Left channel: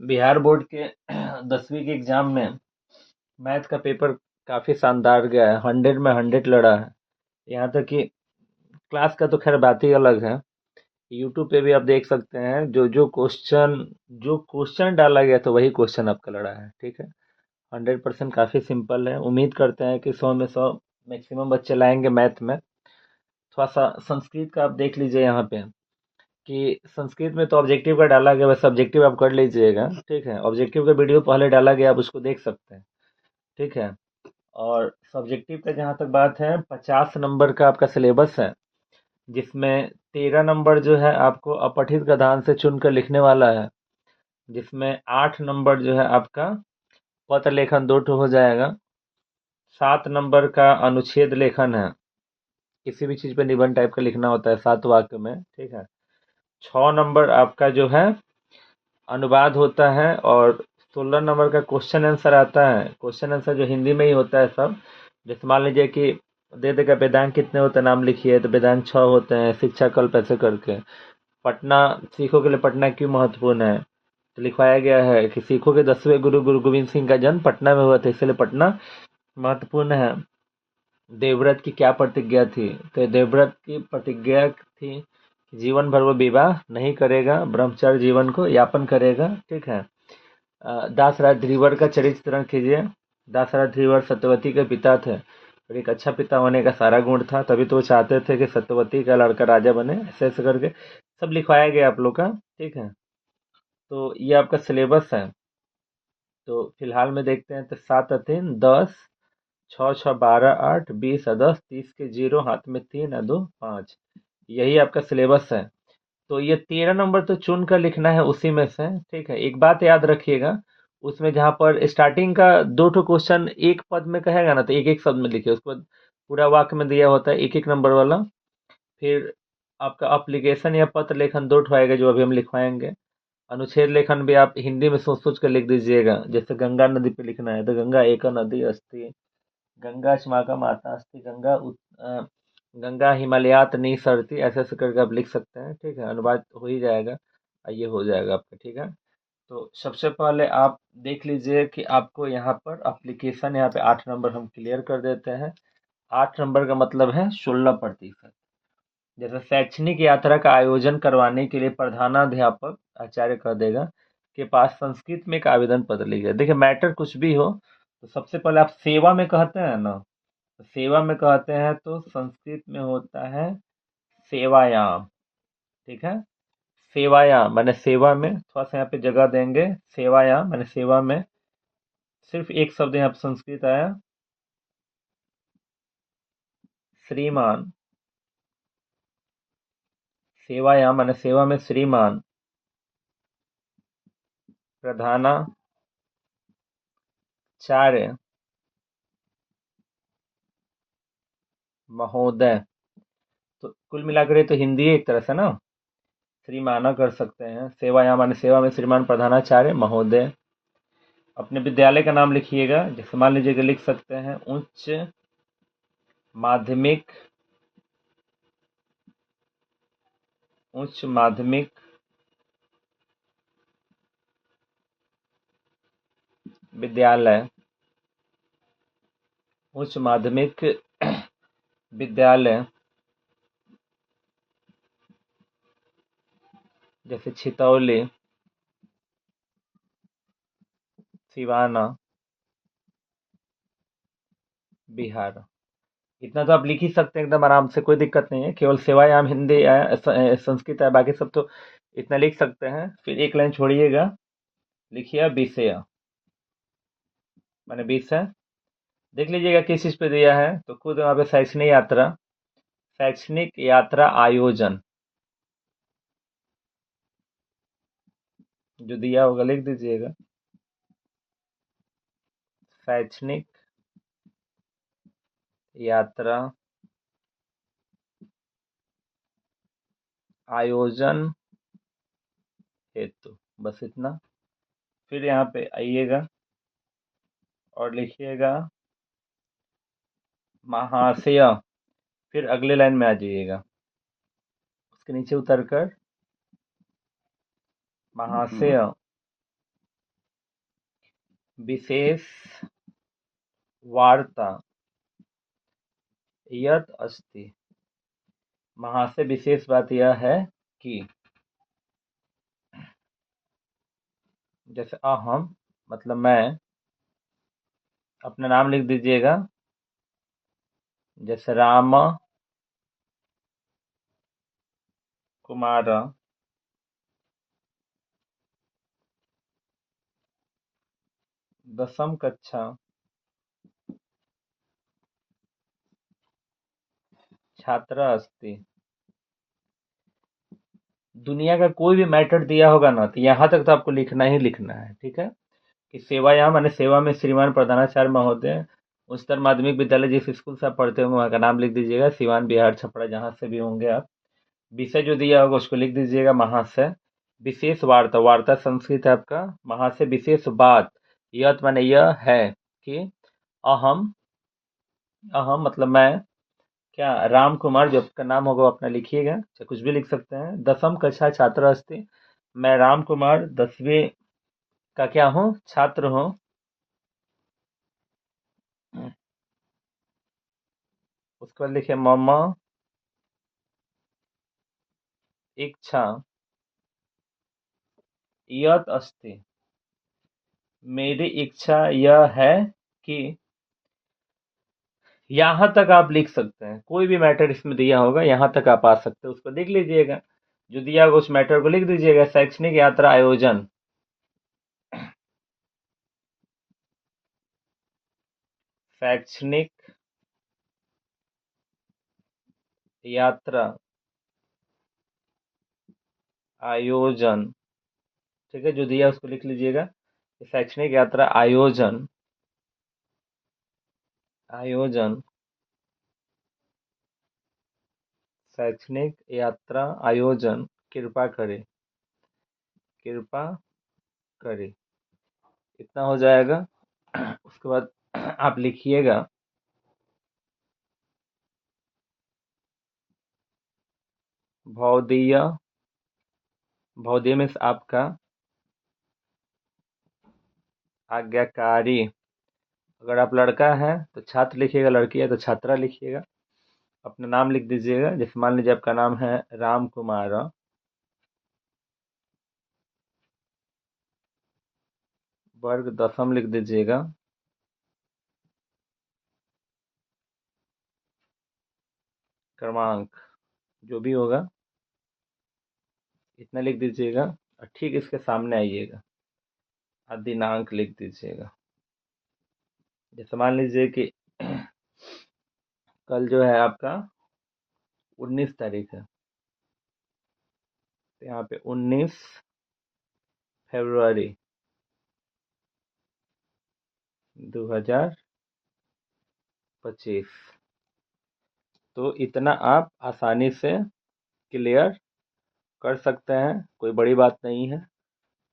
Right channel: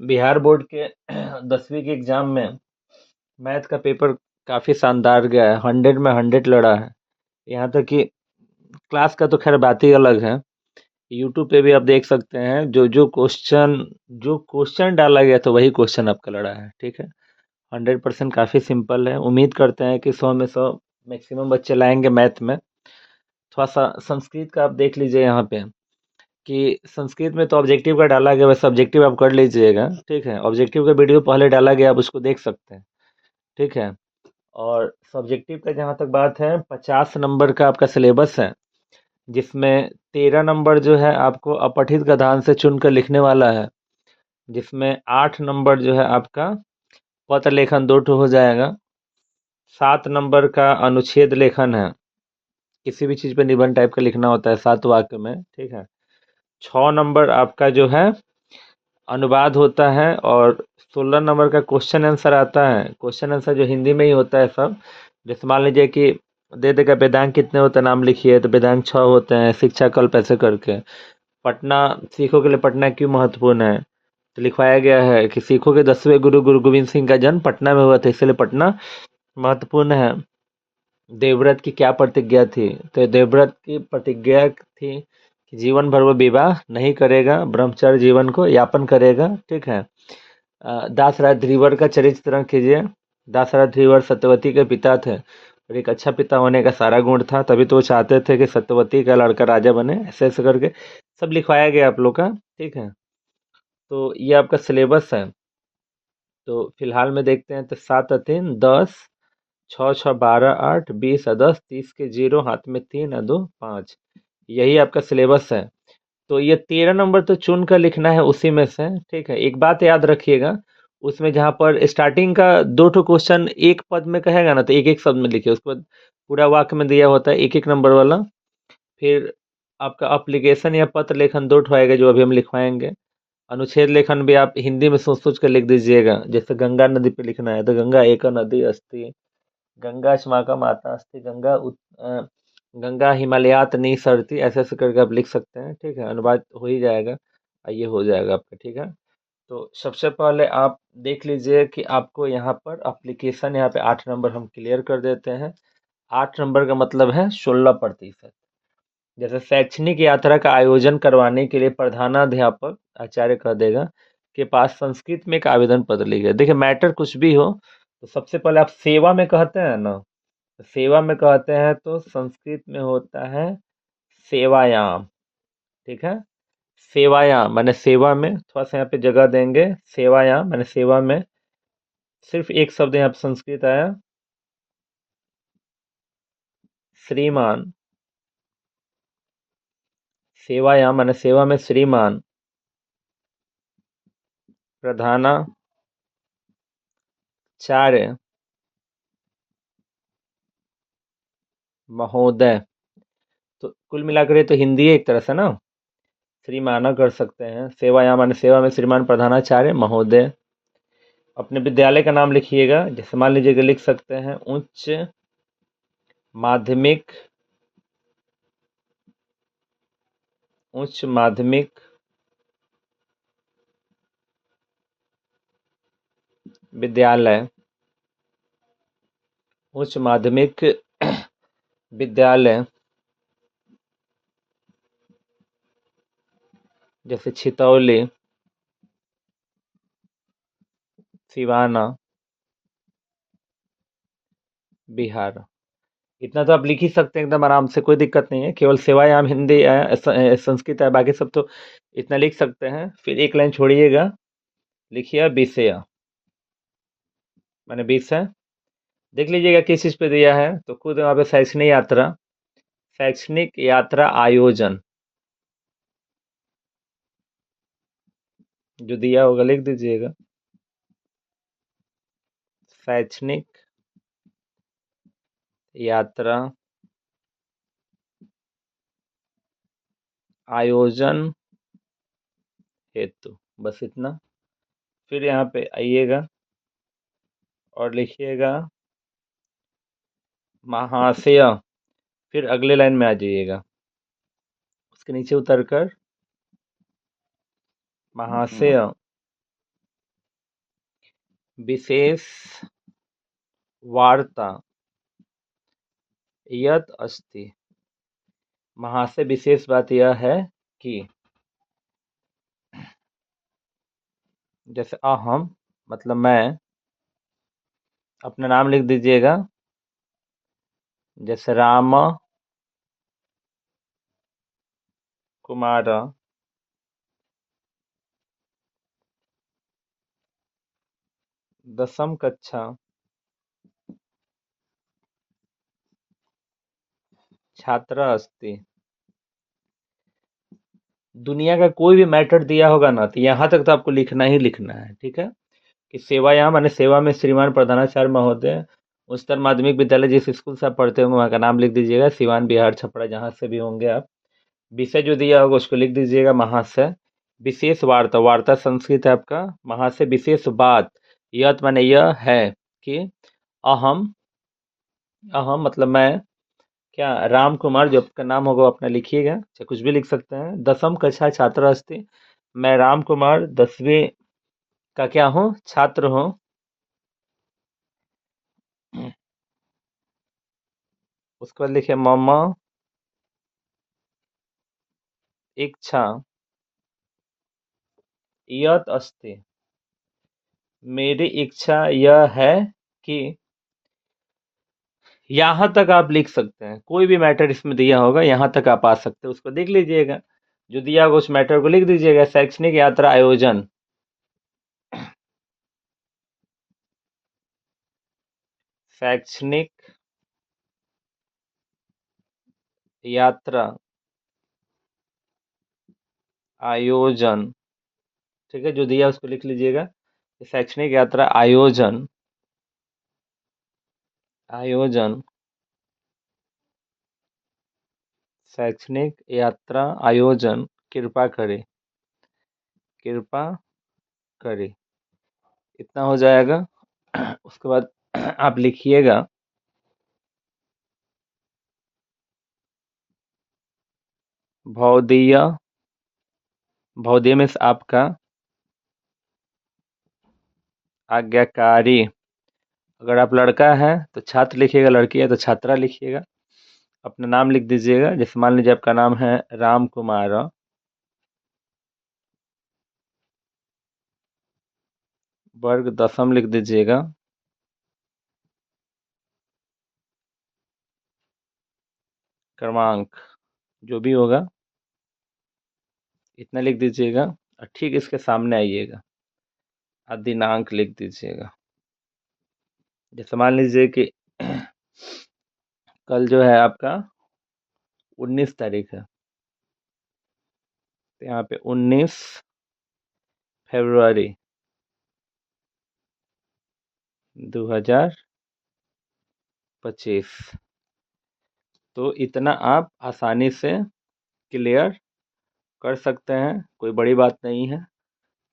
Bihar board के 10वीं के एग्जाम में मैथ का पेपर काफ़ी शानदार गया है। 100 में 100 लड़ा है। यहाँ तक कि क्लास का तो खैर बात ही अलग है। यूट्यूब पे भी आप देख सकते हैं, जो क्वेश्चन डाला गया तो वही क्वेश्चन आपका लड़ा है। ठीक है, 100% काफ़ी सिंपल है। उम्मीद करते हैं कि 100 में 100 मैक्सिमम बच्चे लाएंगे मैथ में। थोड़ा सा संस्कृत का आप देख लीजिए यहाँ पे, कि संस्कृत में तो ऑब्जेक्टिव का डाला गया, वैसे ऑब्जेक्टिव आप कर लीजिएगा। ठीक है, ऑब्जेक्टिव का वीडियो पहले डाला गया, आप उसको देख सकते हैं। ठीक है, और सब्जेक्टिव का जहाँ तक बात है, 50 नंबर का आपका सिलेबस है, जिसमें 13 नंबर जो है आपको अपठित गद्यांश से चुनकर लिखने वाला है, जिसमें 8 नंबर जो है आपका पत्र लेखन 2 हो जाएगा। 7 नंबर का अनुच्छेद लेखन है, किसी भी चीज़ पे निबंध टाइप का लिखना होता है 7 वाक्य में। ठीक है, 6 नंबर आपका जो है अनुवाद होता है, और 16 नंबर का क्वेश्चन आंसर आता है। क्वेश्चन आंसर जो हिंदी में ही होता है सब। जैसे मान लीजिए कि दे देगा वेदांत कितने होते हैं, नाम लिखिए, तो वेदांत 6 होते हैं, शिक्षा कल्प ऐसे करके। पटना, सिखों के लिए पटना क्यों महत्वपूर्ण है, तो लिखवाया गया है कि सिखों के 10वें गुरु गुरु गोविंद सिंह का जन्म पटना में हुआ था, इसलिए पटना महत्वपूर्ण है। देवव्रत की क्या प्रतिज्ञा थी, तो देवव्रत की प्रतिज्ञा थी कि जीवन भर वो विवाह नहीं करेगा, ब्रह्मचर्य जीवन को यापन करेगा। ठीक है, दासराज धीवर का चरित्र कीजिए। दासराज धीवर सत्यवती के पिता थे, और एक अच्छा पिता होने का सारा गुण था, तभी तो वो चाहते थे कि सत्यवती का लड़का राजा बने। ऐसे ऐसे करके सब लिखवाया गया आप लोग का। ठीक है, तो ये आपका सिलेबस है। तो फिलहाल में देखते हैं, तो 7 और 3 10, 6 6 12 8 20 और 10, 30 के 0, हाथ में 3 और 2 5, यही आपका सिलेबस है। तो ये 13 नंबर तो चुन कर लिखना है उसी में से। ठीक है, एक बात याद रखिएगा, उसमें जहाँ पर स्टार्टिंग का 2 क्वेश्चन एक पद में कहेगा ना, तो एक एक शब्द में लिखिए। उसके बाद पूरा वाक्य में दिया होता है एक एक नंबर वाला। फिर आपका अप्लीकेशन या पत्र लेखन 2 आएगा, जो अभी हम लिखवाएंगे। अनुच्छेद लेखन भी आप हिंदी में सोच सोच कर लिख दीजिएगा। जैसे गंगा नदी पे लिखना है, तो गंगा एक नदी अस्ति, गंगा अस्माकं माता अस्ति, गंगा हिमालयात निसरती, ऐसे ऐसे करके आप लिख सकते हैं। ठीक है, अनुवाद हो ही जाएगा, ये हो जाएगा आपका। ठीक है, तो सबसे पहले आप देख लीजिए कि आपको यहाँ पर एप्लीकेशन, यहाँ पे 8 नंबर हम क्लियर कर देते हैं। 8 नंबर का मतलब है 16%। जैसे शैक्षणिक यात्रा का आयोजन करवाने के लिए प्रधानाध्यापक आचार्य कह देगा के पास संस्कृत में एक आवेदन पत्र लिखिए। देखिए, मैटर कुछ भी हो, तो सबसे पहले आप सेवा में कहते हैं ना, तो सेवा में कहते हैं तो संस्कृत में होता है सेवायाम। ठीक है, सेवायाम माने सेवा में, थोड़ा सा यहाँ पे जगह देंगे। सेवायाम माने सेवा में, सिर्फ एक शब्द यहाँ पे संस्कृत आया, श्रीमान। सेवायाम माने सेवा में श्रीमान प्रधानाचार्य महोदय। तो कुल मिलाकर ये तो हिंदी है एक तरह से ना, श्रीमाना कर सकते हैं। सेवायाम माने सेवा में श्रीमान प्रधानाचार्य महोदय। अपने विद्यालय का नाम लिखिएगा। जैसे मान लीजिए कि लिख सकते हैं उच्च माध्यमिक, उच्च माध्यमिक विद्यालय, उच्च माध्यमिक विद्यालय, जैसे छितौली, सिवाना, बिहार। इतना तो आप लिख ही सकते हैं एकदम आराम से, कोई दिक्कत नहीं है। केवल सेवायाम हिंदी संस्कृत है, बाकी सब तो इतना लिख सकते हैं। फिर एक लाइन छोड़िएगा, लिखिए विषय, मैंने विषय। देख लीजिएगा किस चीज़ पे दिया है, तो खुद वहाँ पे शैक्षणिक यात्रा, शैक्षणिक यात्रा आयोजन जो दिया होगा लिख दीजिएगा। शैक्षणिक यात्रा आयोजन हेतु, बस इतना। फिर यहाँ पे आइएगा और लिखिएगा महाशय। फिर अगले लाइन में आ जाइएगा, उसके नीचे उतरकर महाशय विशेष वार्ता यत अस्ति। वहां से विशेष बात यह है कि जैसे अहम मतलब मैं, अपना नाम लिख दीजिएगा, जैसे राम कुमार दसम कक्षा छात्र अस्ति। दुनिया का कोई भी मैटर दिया होगा ना, तो यहाँ तक तो आपको लिखना ही लिखना है, ठीक है। कि सेवायाम माने सेवा में श्रीमान प्रधानाचार्य महोदय, उच्चतर माध्यमिक विद्यालय जिस स्कूल से आप पढ़ते होंगे वहाँ का नाम लिख दीजिएगा, सिवान बिहार छपरा जहाँ से भी होंगे आप। विषय जो दिया होगा उसको लिख दीजिएगा महाशय। विशेष वार्ता, वार्ता संस्कृत है आपका। महाशय विशेष बात, यत माने यह है कि अहम, अहम मतलब मैं, क्या राम कुमार जो आपका नाम होगा वो अपना लिखिएगा, चाहे कुछ भी लिख सकते हैं। दसम कक्षा छात्र अस्ति, मैं राम कुमार 10वीं का क्या हूँ, छात्र हूँ। उसके बाद लिखिए मम इच्छा यत अस्ति। मेरी इच्छा यह है कि, यहाँ तक आप लिख सकते हैं, कोई भी मैटर इसमें दिया होगा यहाँ तक आप आ सकते हैं, उसको देख लीजिएगा। जो दिया होगा उस मैटर को लिख दीजिएगा। शैक्षणिक यात्रा आयोजन, शैक्षणिक यात्रा आयोजन, ठीक है। जो दिया उसको लिख लीजिएगा। शैक्षणिक यात्रा आयोजन, आयोजन, शैक्षणिक यात्रा आयोजन कृपा करें, कृपा करें, इतना हो जाएगा। उसके बाद आप लिखिएगा भौदीय, भौदीय में आपका आज्ञाकारी। अगर आप लड़का है तो छात्र लिखिएगा, लड़की है तो छात्रा लिखिएगा। अपना नाम लिख दीजिएगा, जैसे मान लीजिए आपका नाम है राम कुमार, वर्ग दसम लिख दीजिएगा। क्रमांक जो भी होगा इतना लिख दीजिएगा, और ठीक इसके सामने आइएगा और दिनांक लिख दीजिएगा। जैसे मान लीजिए कि कल जो है आपका 19 तारीख है, तो यहाँ पे 19 फरवरी 2025। तो इतना आप आसानी से क्लियर कर सकते हैं, कोई बड़ी बात नहीं है।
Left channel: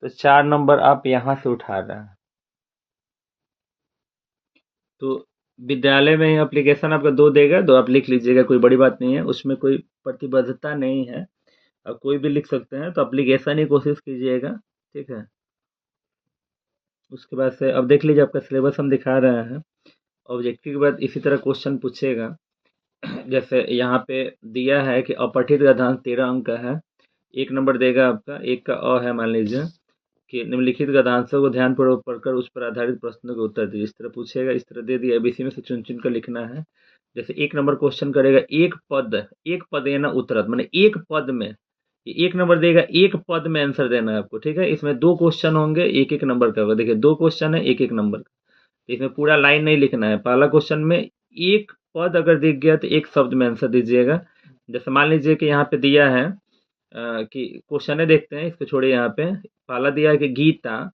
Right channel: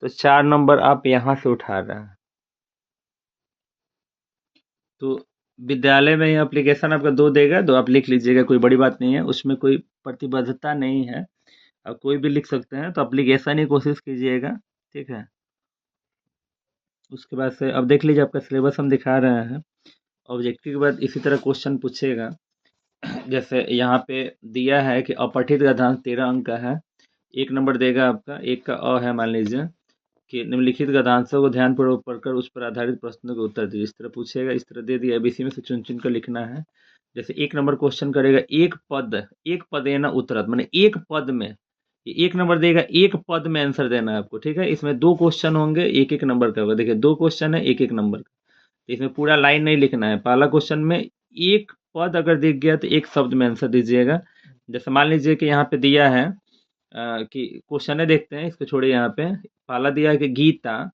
तो 4 नंबर आप यहाँ से उठा रहे हैं। तो विद्यालय में एप्लीकेशन आपका 2 देगा, 2 आप लिख लीजिएगा, कोई बड़ी बात नहीं है, उसमें कोई प्रतिबद्धता नहीं है। आप कोई भी लिख सकते हैं, तो एप्लीकेशन ही कोशिश कीजिएगा, ठीक है। उसके बाद से अब देख लीजिए आपका सिलेबस हम दिखा रहे हैं। ऑब्जेक्टिव के बाद इसी तरह क्वेश्चन पूछेगा। जैसे यहाँ पे दिया है कि अपठित गद्यांश 13 अंक का है। 1 नंबर देगा आपका, एक का अ है मान लीजिए कि निम्नलिखित गद्यांशों को ध्यानपूर्वक पढ़कर उस पर आधारित प्रश्नों के उत्तर दीजिए। इस तरह पूछेगा, इस तरह दे दिया, एबीसी में से चुन चुन कर लिखना है। जैसे 1 नंबर क्वेश्चन करेगा, एक पद देना उत्तरत, माने एक पद में, ये 1 नंबर देगा, एक पद में आंसर देना है आपको, ठीक है। इसमें 2 क्वेश्चन होंगे, एक एक नंबर का होगा। देखिए 2 क्वेश्चन है, एक एक नंबर का, तो इसमें पूरा लाइन नहीं लिखना है। पहला क्वेश्चन में एक पद अगर दिख गया तो एक शब्द में आंसर दीजिएगा। जैसे मान लीजिए कि यहाँ पे दिया है कि क्वेश्चन देखते हैं, इसको छोड़िए। यहाँ पे पहला दिया है कि गीता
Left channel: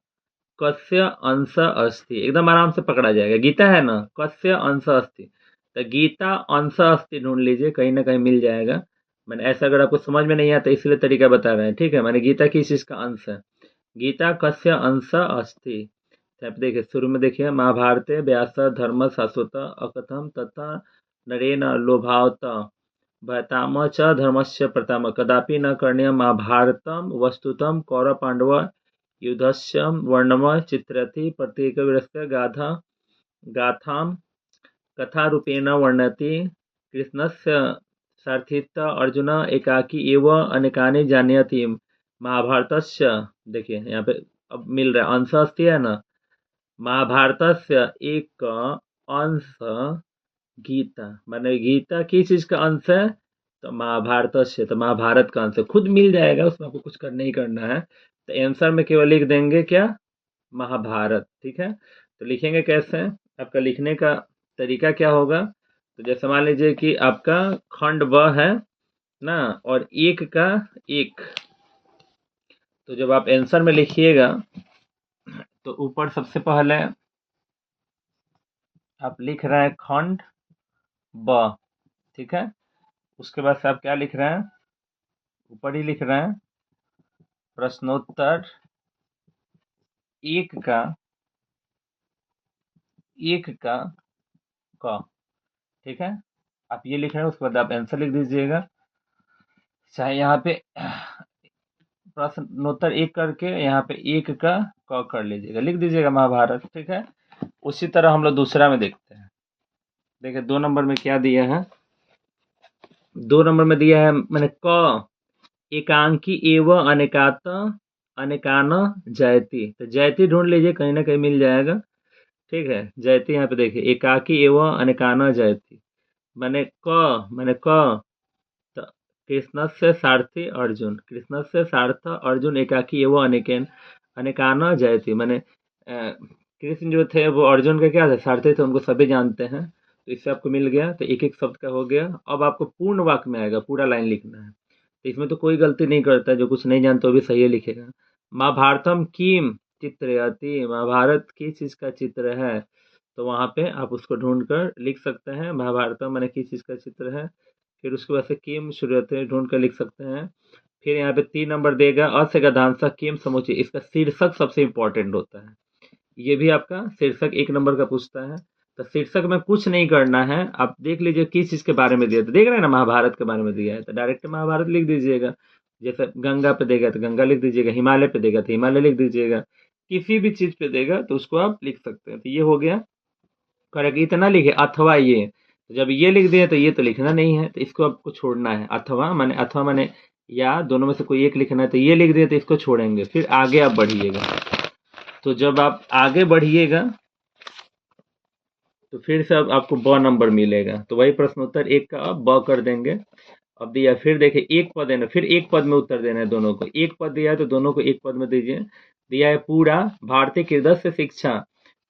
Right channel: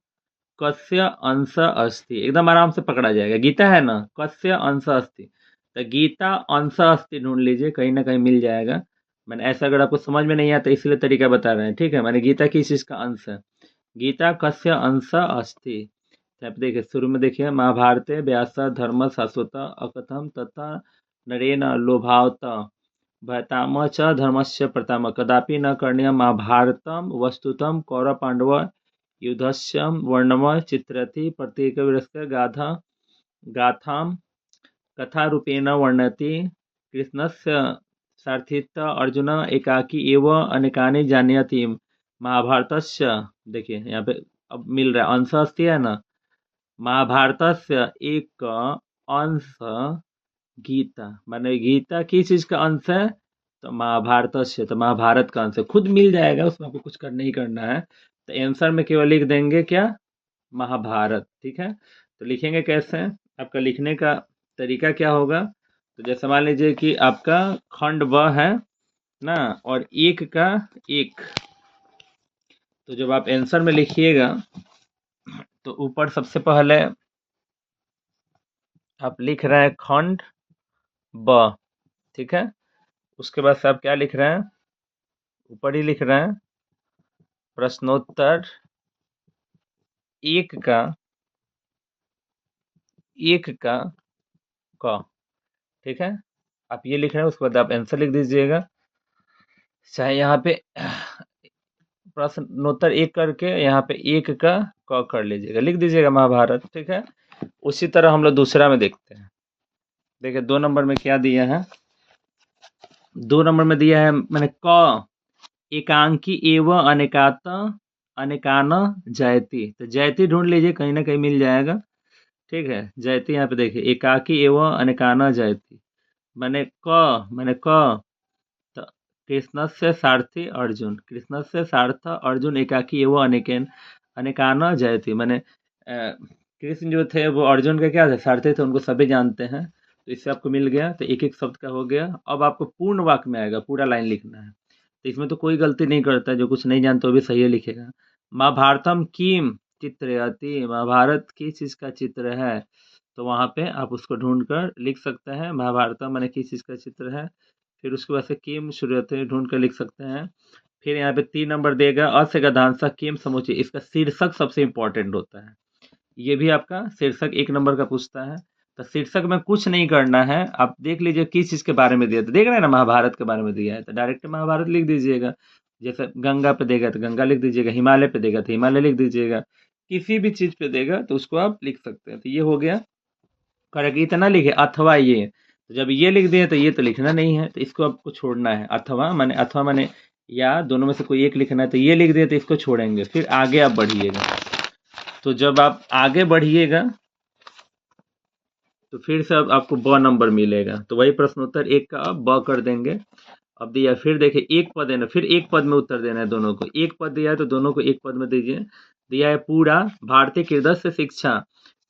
कस्य अंश अस्ति, एकदम आराम से पकड़ा जाएगा। गीता है ना, कस्य अंश अस्ति, तो गीता अंश अस्ति ढूंढ लीजिए, कहीं ना कहीं मिल जाएगा। मैंने ऐसा, अगर आपको समझ में नहीं आता इसलिए तरीका बता रहे हैं, ठीक है। मैंने गीता किस चीज़ का अंश है, गीता कस्य अंश अस्ति। तो आप देखिए शुरू में देखिए, महाभारते व्यास धर्म शाश्वत अकथम तथा नरेन लोभावत भयताम च धर्मस्य प्रथम कदापि न करणीय महाभारतम वस्तुतम कौरव पांडव युद्धस्य वर्णम चित्रति प्रत्येकवीरस्य गाथां कथारूपेण वर्णयति। कृष्णस्य सारथित्वा अर्जुन एकाकी एव अनेकानि जानीयाति। महाभारतस्य, देखिए यहाँ पे अब मिल रहा है, अंश अस्ति है ना, महाभारतस्य एक अंश गीता, माने गीता किस चीज का अंश है, तो महाभारत से, तो महाभारत का अंश है, खुद मिल जाएगा, उसमें आपको कुछ करना ही करना है। तो आंसर में केवल लिख देंगे क्या, महाभारत। ठीक है, तो लिखेंगे कैसे, आपका लिखने का तरीका क्या होगा, तो जैसे मान लीजिए कि आपका खंड व है ना, और एक का एक, तो जब आप आंसर में लिखिएगा तो ऊपर सबसे पहले आप लिख रहे हैं खंड ब, ठीक है, उसके बाद से आप क्या लिख रहे हैं, ऊपर ही लिख रहे हैं प्रश्नोत्तर एक का क, ठीक है, आप ये लिख रहे हैं, उसके बाद आप आंसर लिख दीजिएगा, चाहे यहाँ पे प्रश्नोत्तर एक करके यहाँ पे एक का क कर लीजिएगा, लिख दीजिएगा महाभारत। ठीक है, उसी तरह हम लोग दूसरा में देखते हैं। देखिए 2 नंबर में क्या दिया है, 2 नंबर में दिया है मैंने क एकांकी एव अनेकात अनेकान जयति, तो जयति ढूंढ लीजिए, कहीं ना कहीं मिल जाएगा। ठीक है, जयति यहाँ पे देखिए एकाकी एव अनेकान जयति, मैंने क, तो कृष्ण से सारथी अर्जुन, कृष्ण से सारथ अर्जुन एकाकी एवं अनेकेन अनेकान जयति, मैंने कृष्ण जो थे वो अर्जुन के क्या थे, सारथी थे, उनको सभी जानते हैं, तो इससे आपको मिल गया, तो एक एक शब्द का हो गया। अब आपको पूर्ण वाक्य में आएगा, पूरा लाइन लिखना है, तो इसमें तो कोई गलती नहीं करता है, जो कुछ नहीं जानता वो भी सही लिखेगा। महाभारतम किम चित्रयति, महाभारत किस चीज़ का चित्र है, तो वहाँ पे आप उसको ढूंढ कर लिख सकते हैं, महाभारतम मैंने किस चीज़ का चित्र है, फिर उसके बाद से किम शुरुआत ढूंढ कर लिख सकते हैं। फिर यहाँ पे 3 नंबर देगा अ से गधांसा किम समुच्चय, इसका शीर्षक सबसे इंपॉर्टेंट होता है, ये भी आपका शीर्षक 1 नंबर का पूछता है। तो शीर्षक में कुछ नहीं करना है, आप देख लीजिए किस चीज़ के बारे में दिया, तो देख रहे हैं ना महाभारत के बारे में दिया है, तो डायरेक्ट महाभारत लिख दीजिएगा। जैसे गंगा पे देगा तो गंगा लिख दीजिएगा, हिमालय पे देगा तो हिमालय लिख दीजिएगा, किसी भी चीज़ पे देगा तो उसको आप लिख सकते हैं। तो ये हो गया करेक्ट, इतना लिखे अथवा ये, तो जब ये लिख दिए तो ये तो लिखना नहीं है, तो इसको आपको छोड़ना है, अथवा माने या, दोनों में से कोई एक लिखना है, तो ये लिख दिए तो इसको छोड़ेंगे, फिर आगे आप बढ़िएगा। तो जब आप आगे बढ़िएगा तो फिर से अब आपको ब नंबर मिलेगा, तो वही प्रश्नोत्तर एक का आप ब कर देंगे। अब दिया, फिर देखिए एक पद है ना, फिर एक पद में उत्तर देना है दोनों को, एक पद दिया है तो दोनों को एक पद में दीजिए। दिया है पूरा भारतीय कृदस्य शिक्षा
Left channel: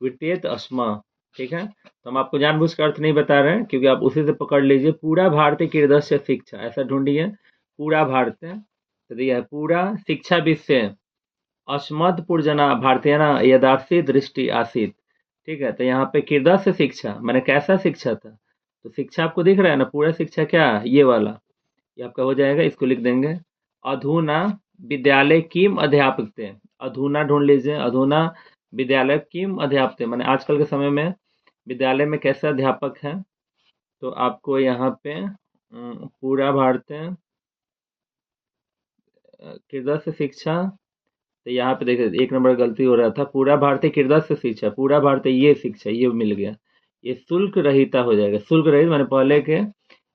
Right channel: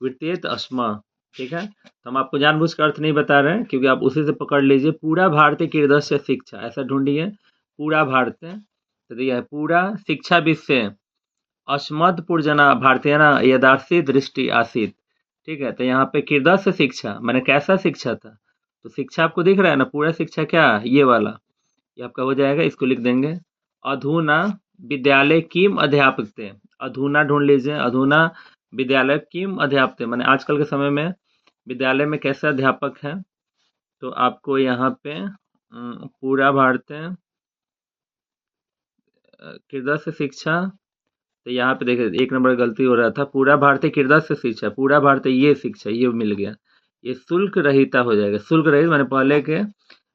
वृत्तेत अस्मा, ठीक है, तो हम आपको जानबूझ कर अर्थ नहीं बता रहे हैं, क्योंकि आप उसी से पकड़ लीजिए, पूरा भारतीय कृदस्य शिक्षा, ऐसा ढूंढिए, पूरा भारतीय, तो दिया है पूरा शिक्षा विषय अस्मद पुरजना भारतीयना यदासी दृष्टि आसित, ठीक है, तो यहाँ पे कृदस्य शिक्षा मैंने कैसा शिक्षा था, तो शिक्षा आपको दिख रहा है ना, पूरा शिक्षा क्या, ये वाला, ये आपका हो जाएगा, इसको लिख देंगे। अधुना विद्यालय किम अध्यापकते, अधुना ढूंढ लीजिए, अधुना विद्यालय किम अध्यापकते, मैंने आजकल के समय में विद्यालय में कैसे अध्यापक हैं, तो आपको यहाँ पे पूरा भारतीय कृदस्य शिक्षा, तो यहाँ पे देखिए 1 नंबर गलती हो रहा था, पूरा भारतीय कृदस्य शिक्षा, पूरा भारतीय ये शिक्षा, ये मिल गया, ये शुल्क रहिता हो जाएगा, शुल्क रहित मैंने पहले के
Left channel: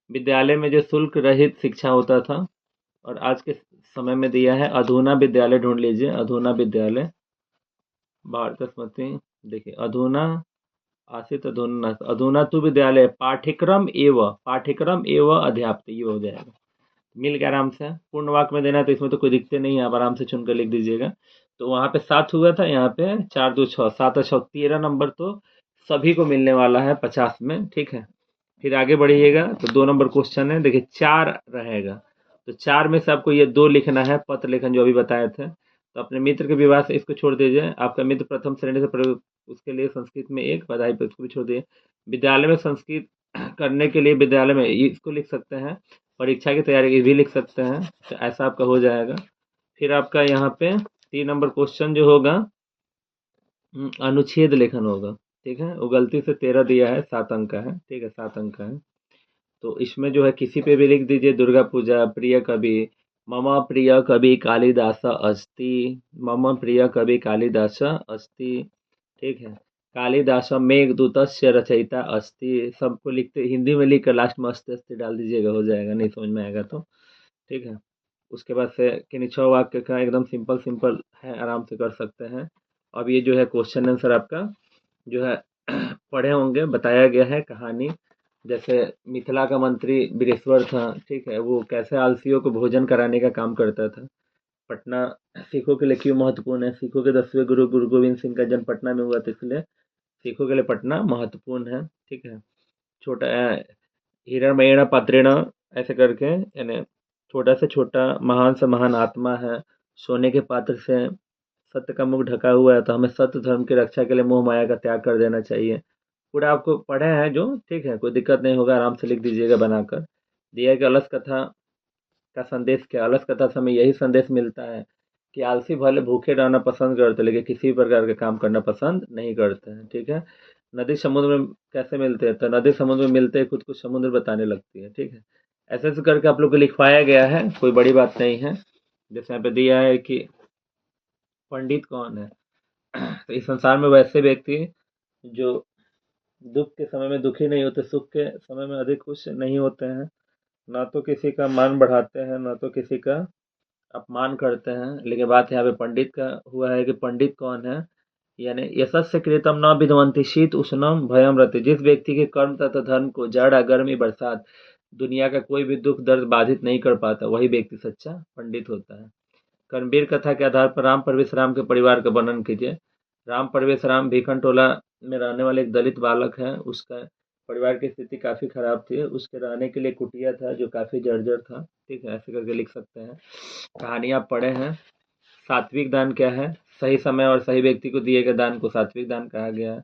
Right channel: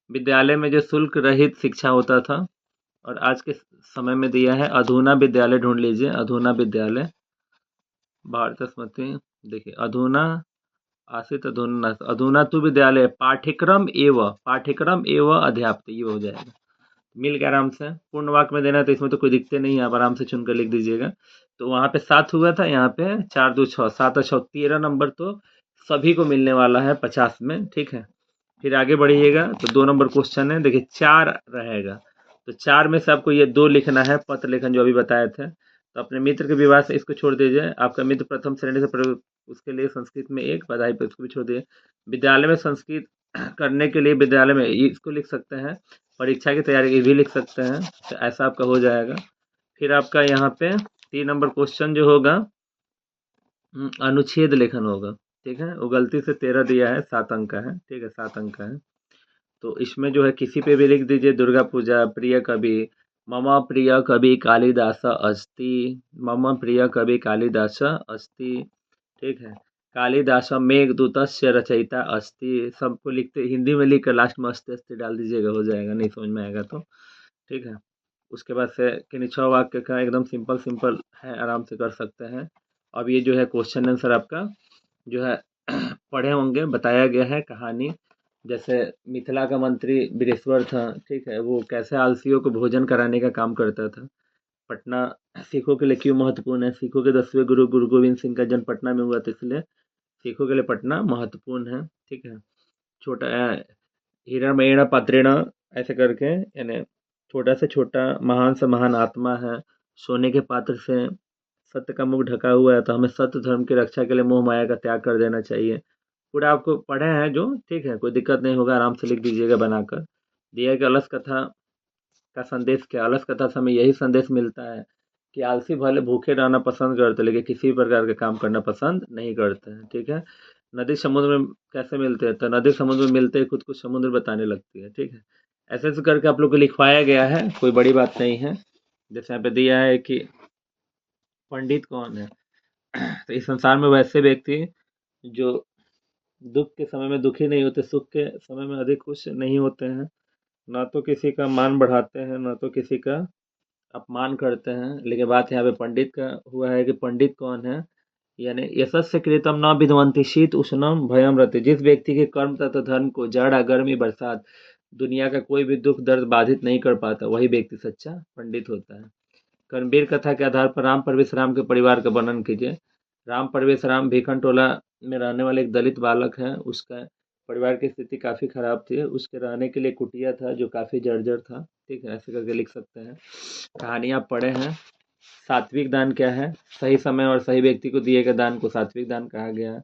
विद्यालय में जो शुल्क रहित शिक्षा होता था, और आज के समय में दिया है अधुना विद्यालय, ढूंढ लीजिए अधुना विद्यालय भारत स्मृति, देखिए अधुना आसित अधुना, अधुना तु विद्यालय पाठ्यक्रम एवं अध्यापक, ये हो जाएगा, मिल गया आराम से। पूर्ण वाक्य में देना है तो इसमें तो कोई दिक्कत नहीं है, आप आराम से चुनकर लिख दीजिएगा। तो वहाँ पे 7 हुआ था, यहाँ पे 4 2 6 7 और 6 13 नंबर तो सभी को मिलने वाला है 50 में, ठीक है। फिर आगे बढ़िएगा तो 2 नंबर क्वेश्चन है, देखिए 4 रहेगा, तो 4 में से आपको ये 2 लिखना है, पत्र लेखन जो अभी बताए थे, तो अपने मित्र के विवाह से इसको छोड़ दीजिए, आपका मित्र प्रथम श्रेणी से उसके लिए संस्कृत में एक बधाई पर इसको भी छोड़ दिए, विद्यालय में संस्कृत करने के लिए विद्यालय में इसको लिख सकते हैं, परीक्षा की तैयारी ये भी लिख सकते हैं, तो ऐसा आपका हो जाएगा। फिर आपका यहाँ पे 3 नंबर क्वेश्चन जो होगा अनुच्छेद लेखन होगा, ठीक है, वो गलती से 13 दिया है, 7 अंक का है, ठीक है, 7 अंक का है, तो इसमें जो है किसी पे भी लिख दीजिए, दुर्गा पूजा, प्रिय कवि, मम प्रिय कवि कालिदास अस्ति। मम प्रिय कवि कालिदास अस्ति। ठीक है। कालिदास मेघदूतस्य रचयिता अस्ति। सबको लिखते हिंदी में लिख कर लास्ट में अस्ति अस्ति डाल दीजिएगा, हो जाएगा, नहीं समझ में आएगा तो। ठीक है। उसके बाद से किन्हीं 6 वाक्य का एकदम सिंपल सिंपल है, आराम से कर सकते हैं। अब ये जो है क्वेश्चन आंसर आपका जो है पढ़े होंगे, बताया गया है कहानी। जैसे मिथिला का मंत्री बिरेश्वर था, ठीक है, वो कैसे आलसियों को भोजन कराने का काम करता था। पटना सिखों के लिए क्यों महत्वपूर्ण है? सिखों के 10वें गुरु गुरु गोविंद सिंह का जन्म पटना में हुआ था, इसलिए सिखों के लिए पटना महत्वपूर्ण है। ठीक है। छोटा हिरण्मयेण पात्रेण ऐसे करके, यानी छोटा से छोटा महान से महान आत्मा है। सोने के पात्र से सत्य का मुख ढका हुआ है, तो हमें सत्य धर्म की रक्षा के लिए मोह माया का त्याग कर देना चाहिए। पूरा आपको पढ़े हैं जो, ठीक है, कोई दिक्कत नहीं होगा, आराम से लिख दीजिएगा बनाकर। दिया कि अलस कथा का संदेश क्या? अलस कथा से हमें यही संदेश मिलता है कि आलसी भले भूखे रहना पसंद करते, लेकिन किसी प्रकार के काम करना पसंद नहीं करते हैं। ठीक है। नदी समुद्र में कैसे मिलते हैं? तो नदी समुद्र में मिलते ही खुद को समुद्र बताने लगती है। ठीक है। ऐसे ऐसे करके आप लोग को लिखवाया गया है, कोई बड़ी बात नहीं है। जैसे यहाँ पे दिया है कि पंडित कौन है? तो इस संसार में वैसे व्यक्ति जो दुख के समय में दुखी नहीं होते, सुख के समय में अधिक खुश नहीं होते हैं, ना तो किसी का मान बढ़ाते हैं, ना तो किसी का अपमान करते हैं। लेकिन बात यहाँ पे पंडित का हुआ है कि पंडित कौन है? यानी यशस्य कृतम न विद्वंति शीत उष्णम भयम रति। जिस व्यक्ति के कर्म तथा धर्म को जाड़ा गर्मी बरसात दुनिया का कोई भी दुख दर्द बाधित नहीं कर पाता, वही व्यक्ति सच्चा पंडित होता है। कर्मवीर कथा के आधार पर राम परवेश राम के परिवार का वर्णन कीजिए। राम परवेश राम भीखन टोला में रहने वाले एक दलित बालक है। उसका परिवार की स्थिति काफ़ी खराब थी। उसके रहने के लिए कुटिया था जो काफ़ी जर्जर था। ठीक है, ऐसे करके लिख सकते हैं। कहानी आप पढ़े हैं। सात्विक दान क्या है? सही समय और सही व्यक्ति को दिए गए दान को सात्विक दान कहा गया है।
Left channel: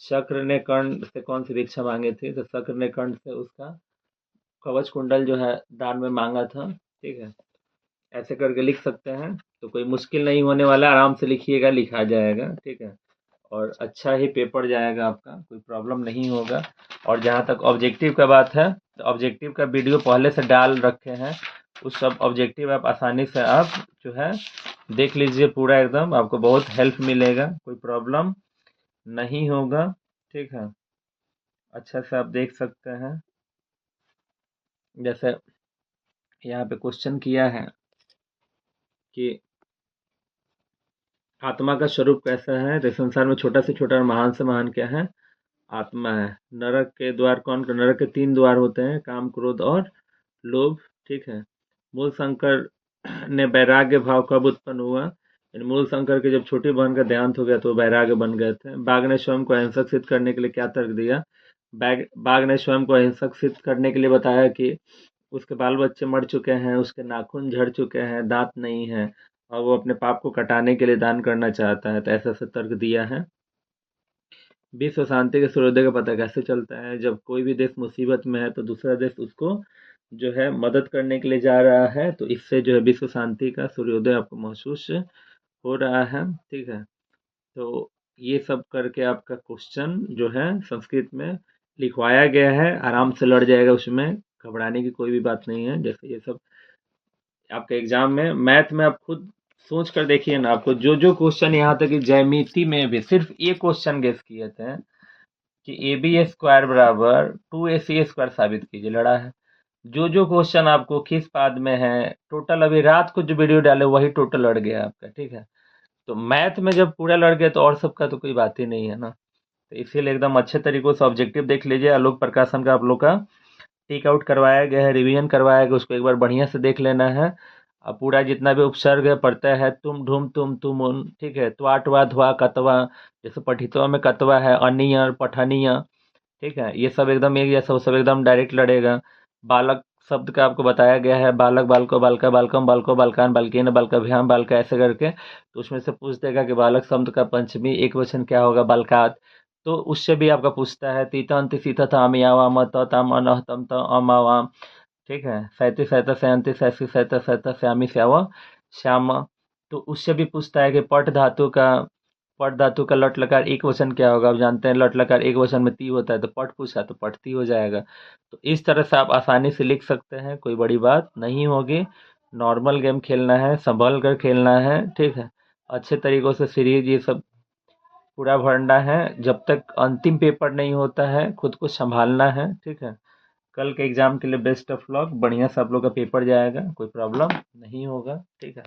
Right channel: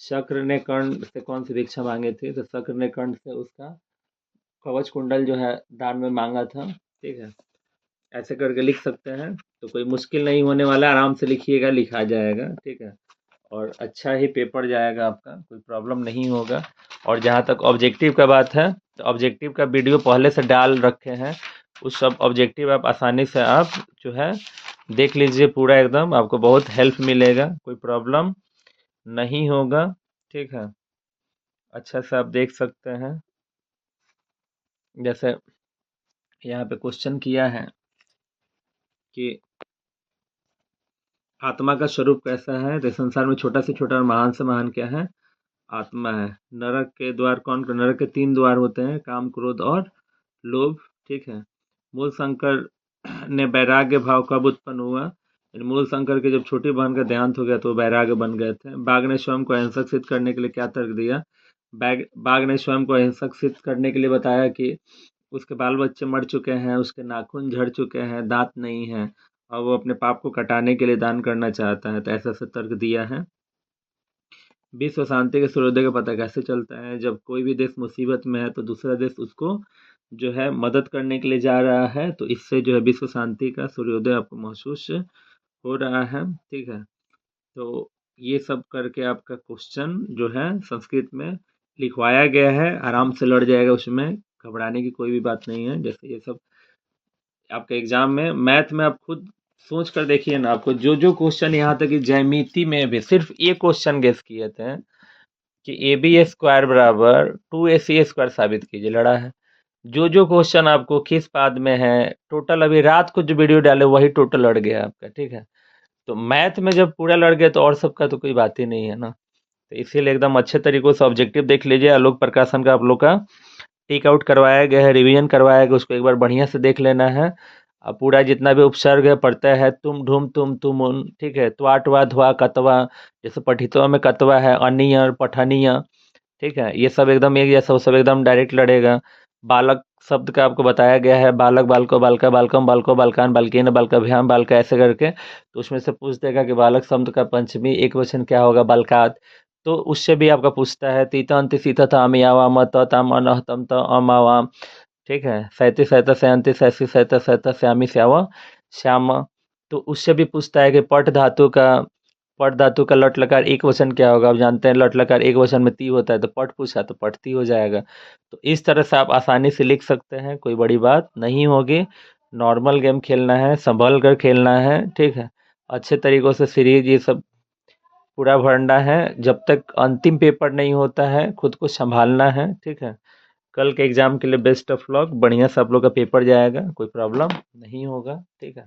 शक्र ने कर्ण से कौन सी भिक्षा मांगी थी? तो शक्र ने कर्ण से उसका कवच कुंडल जो है दान में मांगा था। ठीक है, ऐसे करके लिख सकते हैं। तो कोई मुश्किल नहीं होने वाला, आराम से लिखिएगा, लिखा जाएगा। ठीक है, और अच्छा ही पेपर जाएगा आपका, कोई प्रॉब्लम नहीं होगा। और जहाँ तक ऑब्जेक्टिव का बात है, तो ऑब्जेक्टिव का वीडियो पहले से डाल रखे हैं। उस सब ऑब्जेक्टिव आप आसानी से आप जो है देख लीजिए पूरा, एकदम आपको बहुत हेल्प मिलेगा, कोई प्रॉब्लम नहीं होगा। ठीक है, अच्छा से आप देख सकते हैं। जैसे यहाँ पे क्वेश्चन किया है कि आत्मा का स्वरूप कैसा है? तो संसार में छोटा से छोटा और महान से महान क्या है? आत्मा है। नरक के द्वार कौन? नरक के 3 द्वार होते हैं, काम क्रोध और लोभ। ठीक है। मूल शंकर ने वैराग्य भाव कब उत्पन्न हुआ? मूल शंकर के जब छोटी बहन का देहांत हो गया तो वैराग्य बन गए थे। बाघ ने स्वयं को अहिंसक सिद्ध करने के लिए क्या तर्क दिया? बाघ ने स्वयं को अहिंसक सिद्ध करने के लिए बताया कि उसके बाल बच्चे मर चुके हैं, उसके नाखून झड़ चुके हैं, दांत नहीं है, और वो अपने पाप को कटाने के लिए दान करना चाहता है। तो ऐसा ऐसा तर्क दिया है। विश्व शांति के सूर्योदय का पता कैसे चलता है? जब कोई भी देश मुसीबत में है तो दूसरा देश उसको जो है मदद करने के लिए जा रहा है, तो इससे जो है विश्व शांति का सूर्योदय आपको महसूस हो रहा है। ठीक है, तो ये सब करके आपका क्वेश्चन जो है संस्कृत में लिखवाया गया है, आराम से लड़ जाएगा, उसमें घबराने की कोई भी बात नहीं है। जैसे ये सब आपके एग्जाम में मैथ में आप खुद सोच कर देखिए ना, आपको जो जो क्वेश्चन, यहाँ तक कि ज्यामिति में भी सिर्फ ये क्वेश्चन गेस किए थे कि ए बी स्क्वायर बराबर 2ac² साबित कीजिए, लड़ा है। जो जो क्वेश्चन आपको किस पाद में है, टोटल अभी रात को जो वीडियो डाले वही टोटल लड़ गया आपका। ठीक है, तो मैथ में जब पूरा लड़ गया तो और सबका तो कोई बात ही नहीं है ना। तो इसीलिए एकदम अच्छे तरीकों से ऑब्जेक्टिव देख लीजिए। आलोक प्रकाशन का आप लोग का टेक आउट करवाया गया है, रिवीजन करवाया गया, उसको एक बार बढ़िया से देख लेना है। अब पूरा जितना भी उपसर्ग है पढ़ता है, तुम ढूम तुम उन, ठीक है, त्वा ट्वा ध्वा कतवा, जैसे पठितवा में कतवा है, अनिय पठनीय। ठीक है, ये सब एकदम एक जैसा, वो सब एकदम डायरेक्ट लड़ेगा। बालक शब्द का आपको बताया गया है, बालक बालको बालका बालकम बालको बालकान बालकेन बालकाभ्याम बालका, ऐसे करके। तो उसमें से पूछ देगा कि बालक शब्द का पंचमी एक वचन क्या होगा? बालकात। तो उससे भी आपका पूछता है, तीतांति सीता था अमियावाम ताम अनहतम त अमावाम। ठीक है, सैंतीस सैंता सैंती सैंती सैंता सैंता श्यामी श्यावा श्यामा। तो उससे भी पूछता है कि पट धातु का लट लकार एक वचन क्या होगा? आप जानते हैं लट लकार एक वचन में ती होता है, तो पट पूछा तो पटती हो जाएगा। तो इस तरह से आप आसानी से लिख सकते हैं, कोई बड़ी बात नहीं होगी। नॉर्मल गेम खेलना है, संभल कर खेलना है, ठीक है। अच्छे तरीकों से सीरीज ये सब पूरा भरना है, जब तक अंतिम पेपर नहीं होता है खुद को संभालना है, ठीक है। कल के एग्जाम के लिए बेस्ट ऑफ लक, बढ़िया से आप लोग का पेपर जाएगा, कोई प्रॉब्लम नहीं होगा, ठीक है।